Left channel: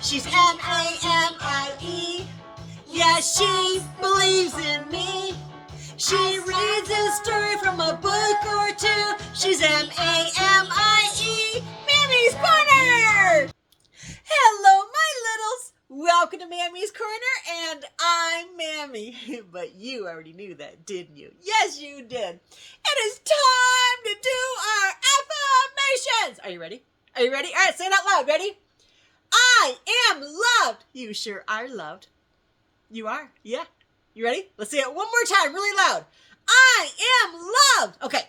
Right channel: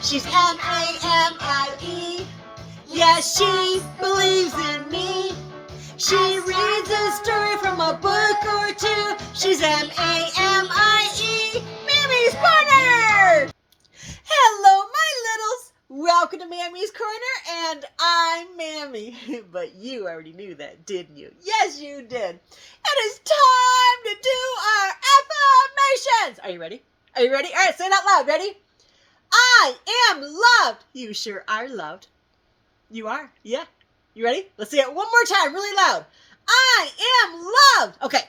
She's M-A-M-I-E. Yeah, she believes in me. She reads a story from a book or two. She's M-A-M-I-E. Mammy's Corner! Hello, my littles. Welcome to Mammy's Corner, and I'm Mammy. But you already knew that, didn't you? Yes, you did. It is time to do our affirmations. Are you ready? Are you ready? All right, say it out loud. Ready? I am loved. You sure are loved. You are? Yeah. You ready? Let's say it one more time, really loud. I am loved. Okay.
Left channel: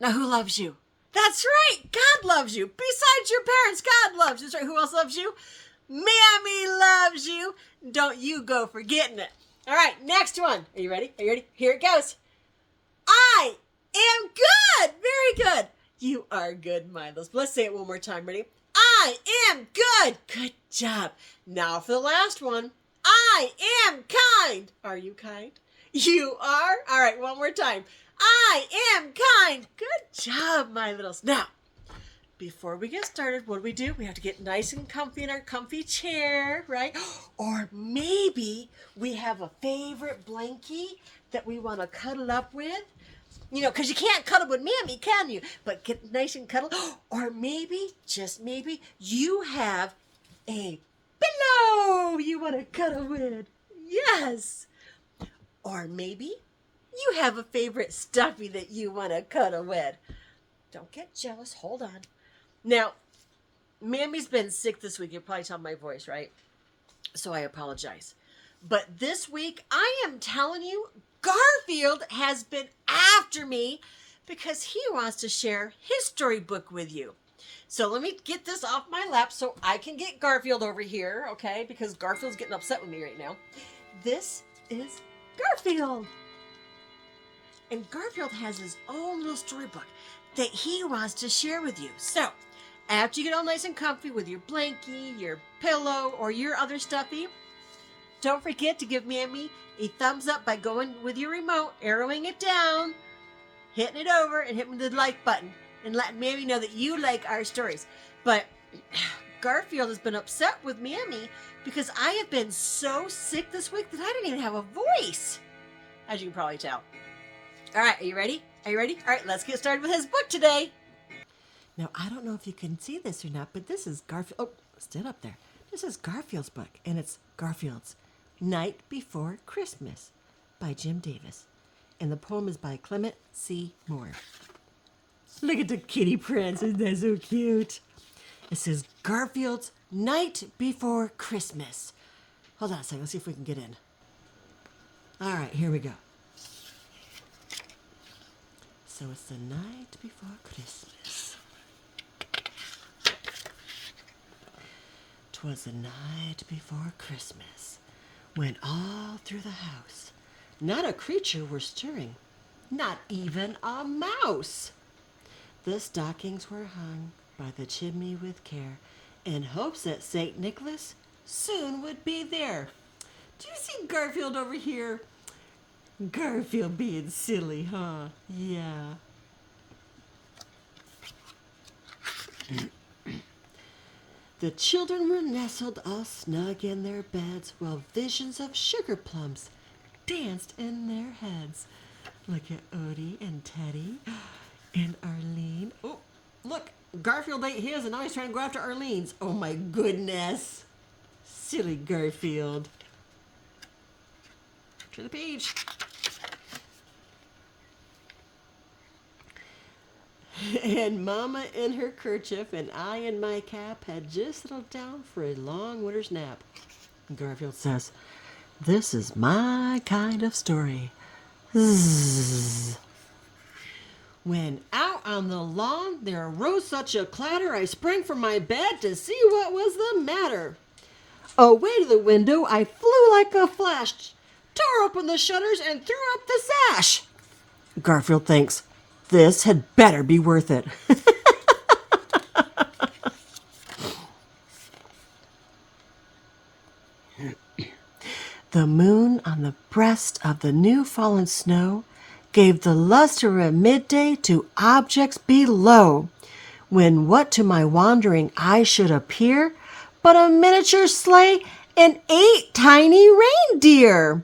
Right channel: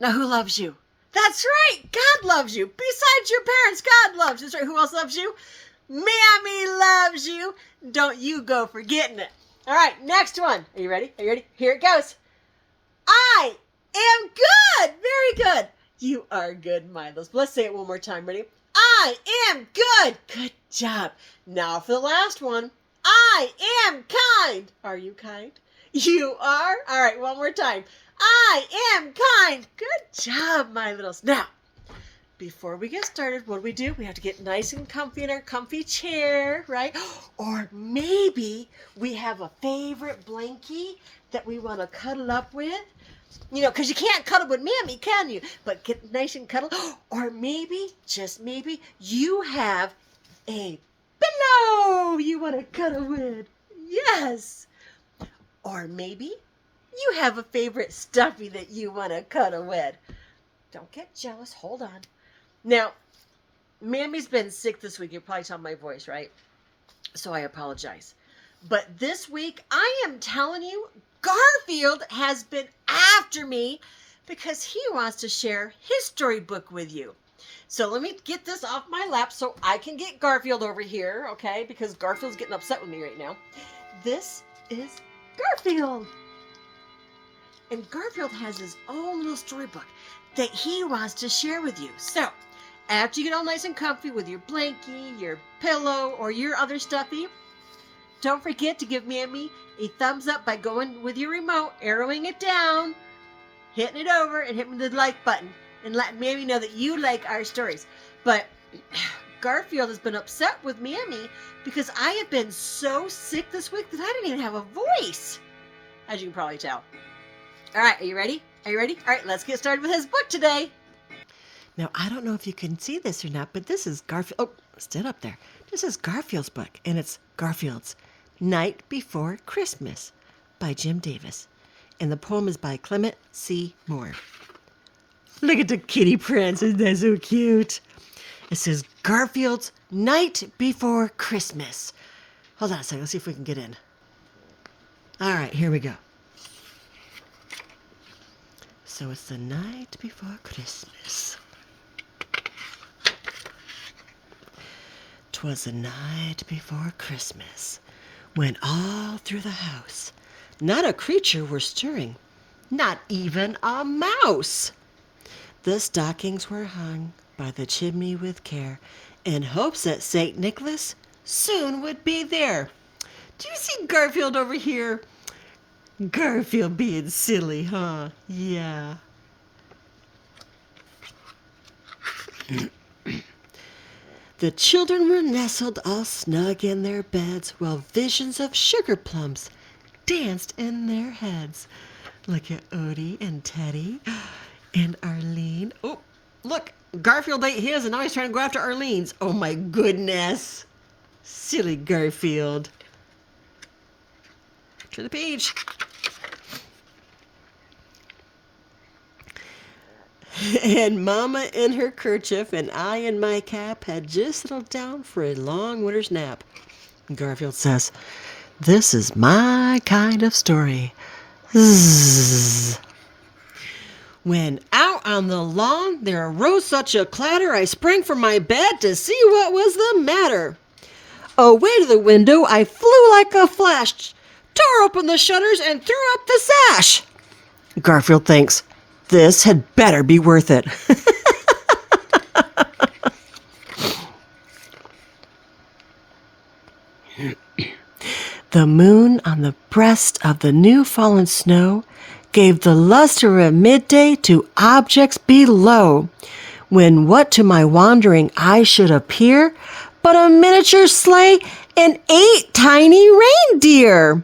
Now, who loves you? That's right. God loves you. Besides your parents, God loves you. That's right. Who else loves you? Mammy loves you. Don't you go forgetting it. All right. Next one. Are you ready? Are you ready? Here it goes. I am good. Very good. You are good, Milos. Let's say it one more time. Ready? I am good. Good job. Now for the last one. I am kind. Are you kind? You are? All right, one more time. I am kind. Good job, my littles. Now, before we get started, what do? We have to get nice and comfy in our comfy chair, right? Or maybe we have a favorite blankie that we want to cuddle up with. You know, because you can't cuddle with Mammy, can you? But get nice and cuddle. Or maybe, just maybe, you have a pillow you want to cuddle with. Yes. Or maybe you have a favorite stuffy that you want to cuddle with. Don't get jealous. Hold on. Now, Mammy's been sick this week. You're probably telling my voice, right? So I apologize. But this week, I am telling you, Garfield has been after me because he wants to share his storybook with you. So let me get this off my lap so I can get Garfield over here, okay? Because Garfield's getting upset with me right now. This is Garfield. And Garfield has his own little storybook that he wants to share with you. So after you get all nice and comfy with your blankie, your pillow, or your other stuffy, don't forget to give Mammy a thumbs up by going with your remote, arrowing it down, hitting it over, and hitting the like button, and letting Mammy know that you like our stories. But Garfield has been upset with Mammy because I have been so sick this week that I didn't even have a voice, as you can probably tell. All right, are you ready? Are you ready? All right, let's get started with his book today. Now, I don't know if you can see this or not, but this is Garfield. Oh, stood up there. This is Garfield's book, and it's Garfield's Night Before Christmas by Jim Davis. And the poem is by Clement C. Moore. Look at the kitty prints. Isn't that so cute? It says Garfield's Night Before Christmas. Hold on a second. Let's see if we can get in. All right, here we go. So it's the night before Christmas. 'Twas the night before Christmas, when all through the house not a creature were stirring, not even a mouse. The stockings were hung by the chimney with care, in hopes that St. Nicholas soon would be there. Do you see Garfield over here? Garfield being silly, huh? Yeah. The children were nestled all snug in their beds, while visions of sugar plums danced in their heads. Look at Odie and Teddy and Arlene. Oh, look, Garfield ate his, and now he's trying to go after Arlene's. Oh, my goodness. Silly Garfield. Turn the page. And Mama in her kerchief and I in my cap had just settled down for a long winter's nap. Garfield says, "This is my kind of story." Zzz. When out on the lawn there arose such a clatter, I sprang from my bed to see what was the matter. Away to the window I flew like a flash, tore open the shutters and threw up the sash. Garfield thinks, this had better be worth it. The moon on the breast of the new fallen snow gave the luster of midday to objects below, when what to my wandering eye should appear but a miniature sleigh and 8 tiny reindeer.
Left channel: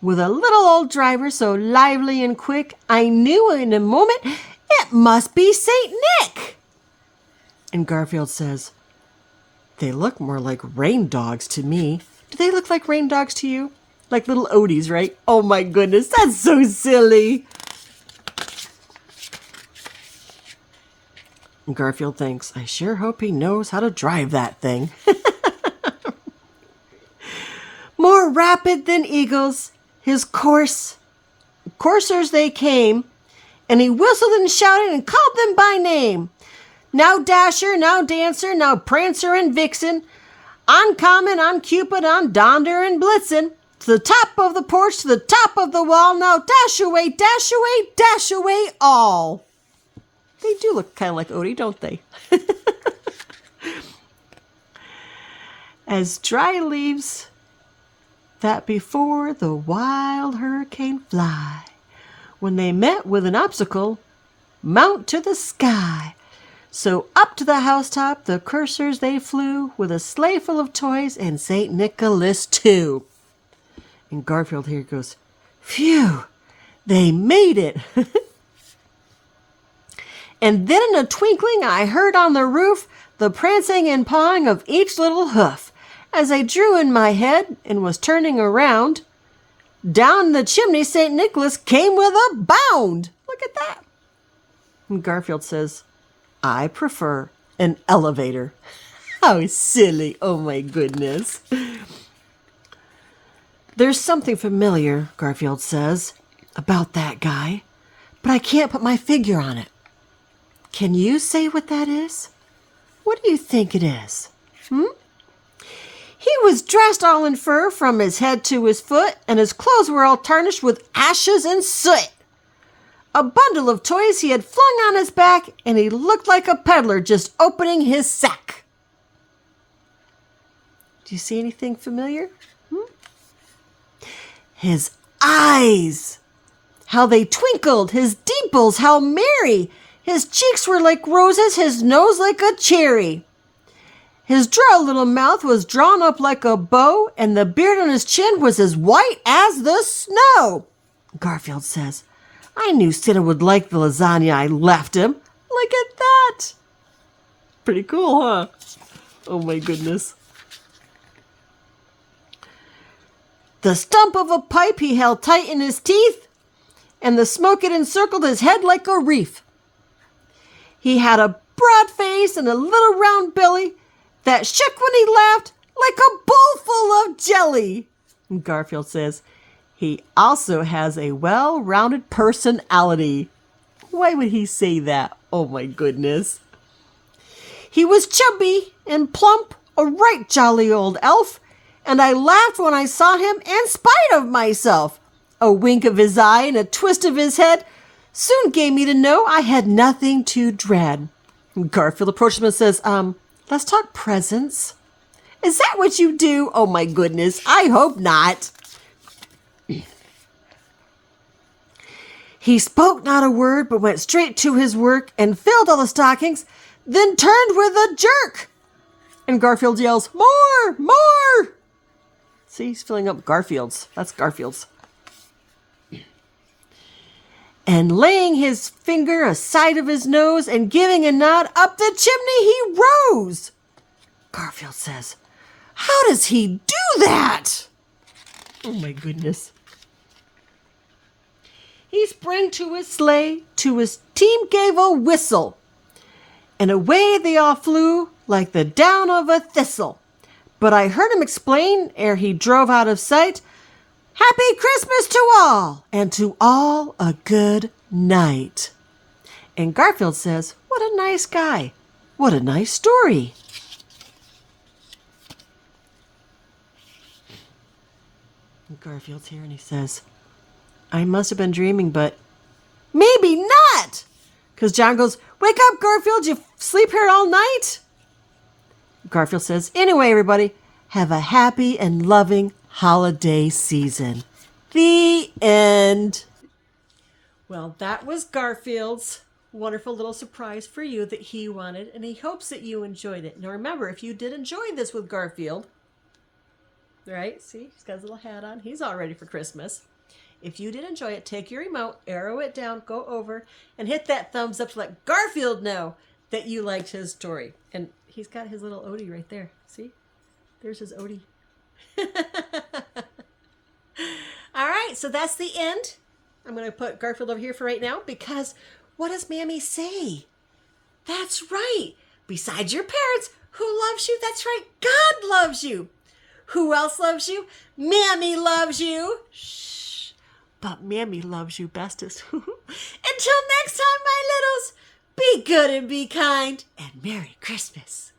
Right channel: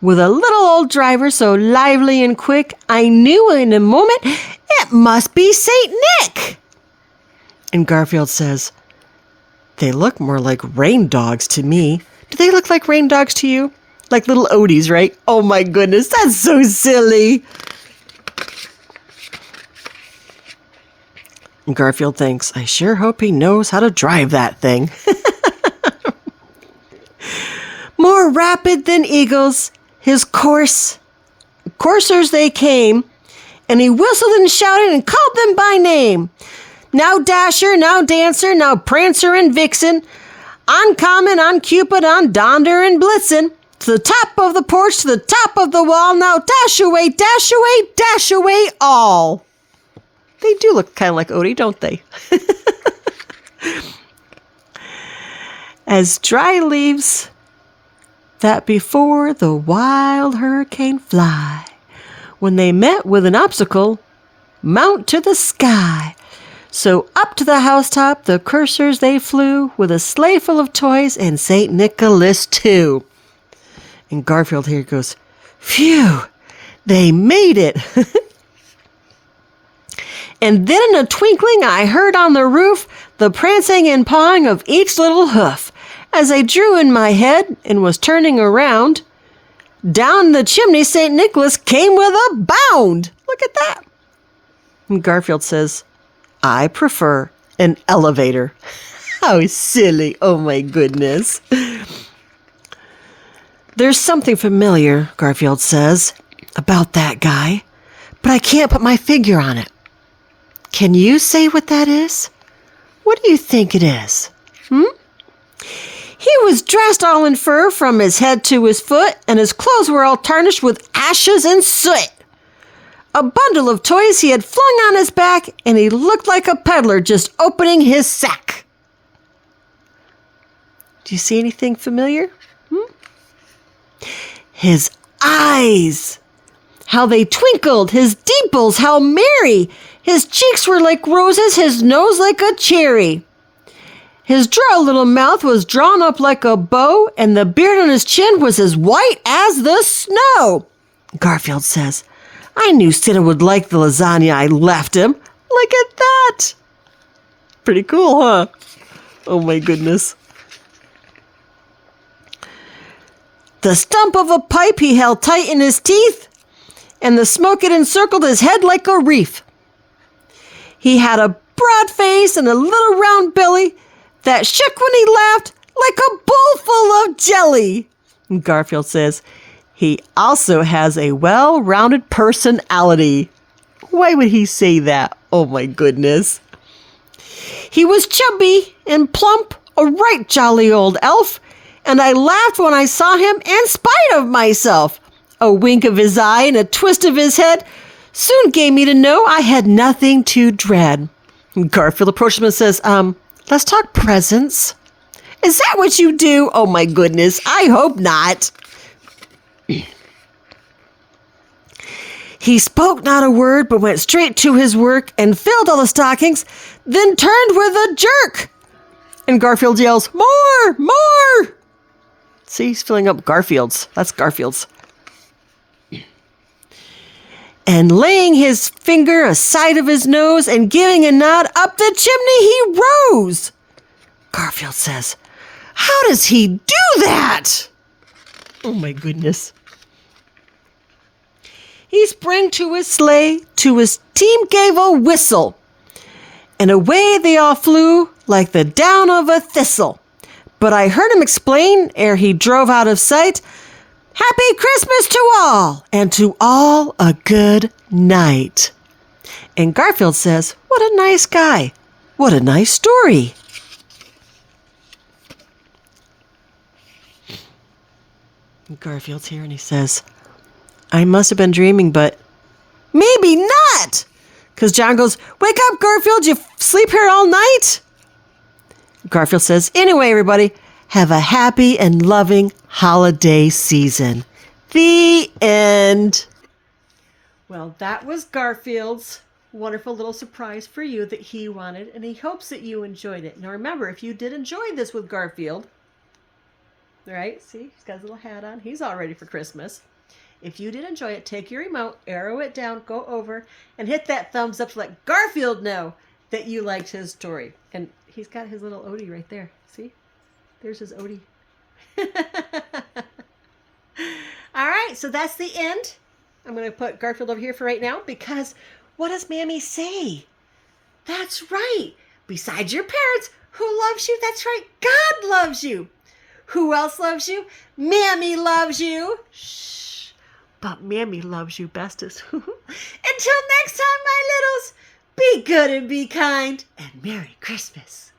With a little old driver so lively and quick, I knew in a moment it must be Saint Nick. And Garfield says, they look more like rain dogs to me. Do they look like rain dogs to you? Like little Odies, right? Oh my goodness, that's so silly. And Garfield thinks, I sure hope he knows how to drive that thing. More rapid than eagles, his coursers they came, and he whistled and shouted and called them by name. Now Dasher, now Dancer, now Prancer and Vixen, on Comet, on Cupid, on Donder and Blitzen, to the top of the porch, to the top of the wall, now dash away, dash away, dash away all. They do look kind of like Odie, don't they? As dry leaves that before the wild hurricane fly, when they met with an obstacle, mount to the sky. So up to the housetop the coursers they flew, with a sleigh full of toys and St. Nicholas too. And Garfield here goes, phew, they made it. And then in a twinkling I heard on the roof the prancing and pawing of each little hoof. As I drew in my head and was turning around, down the chimney St. Nicholas came with a bound. Look at that. And Garfield says, I prefer an elevator. How silly. Oh my goodness. There's something familiar, Garfield says, about that guy, but I can't put my finger on it. Can you say what that is? What do you think it is? He was dressed all in fur from his head to his foot, and his clothes were all tarnished with ashes and soot. A bundle of toys he had flung on his back, and he looked like a peddler just opening his sack. Do you see anything familiar? His eyes, how they twinkled, his dimples, how merry. His cheeks were like roses, his nose like a cherry. His droll little mouth was drawn up like a bow, and the beard on his chin was as white as the snow. Garfield says, I knew Santa would like the lasagna I left him. Look at that. Pretty cool, huh? Oh my goodness. The stump of a pipe he held tight in his teeth, and the smoke it encircled his head like a wreath. He had a broad face and a little round belly that shook when he laughed like a bowl full of jelly. And Garfield says, he also has a well-rounded personality. Why would he say that? Oh my goodness. He was chubby and plump, a right jolly old elf, and I laughed when I saw him in spite of myself. A wink of his eye and a twist of his head soon gave me to know I had nothing to dread. And Garfield approached him and says, let's talk presents. Is that what you do? Oh my goodness, I hope not. He spoke not a word, but went straight to his work and filled all the stockings, then turned with a jerk. And Garfield yells, more, more. See, he's filling up Garfield's. That's Garfield's. And laying his finger aside of his nose and giving a nod up the chimney, he rose. Garfield says, how does he do that? Oh my goodness. He sprang to his sleigh, to his team gave a whistle, and away they all flew like the down of a thistle. But I heard him explain, ere he drove out of sight, Happy Christmas to all, and to all a good night. And Garfield says, what a nice guy. What a nice story. And Garfield's here and he says, I must have been dreaming, but maybe not. Because John goes, wake up, Garfield, you sleep here all night? Garfield says, anyway, everybody, Have a happy and loving holiday season. The end. Well, that was Garfield's wonderful little surprise for you that he wanted, and he hopes that you enjoyed it. Now remember, if you did enjoy this with Garfield, right? See, he's got his little hat on. He's all ready for Christmas. If you did enjoy it, take your remote, arrow it down, go over, and hit that thumbs up to let Garfield know that you liked his story. And he's got his little Odie right there. See? There's his Odie. All right, so that's the end. I'm going to put Garfield over here for right now because what does Mammy say? That's right. Besides your parents, who loves you? That's right. God loves you. Who else loves you? Mammy loves you. Shh. But Mammy loves you bestest. Until next time, my littles, be good and be kind, and Merry Christmas.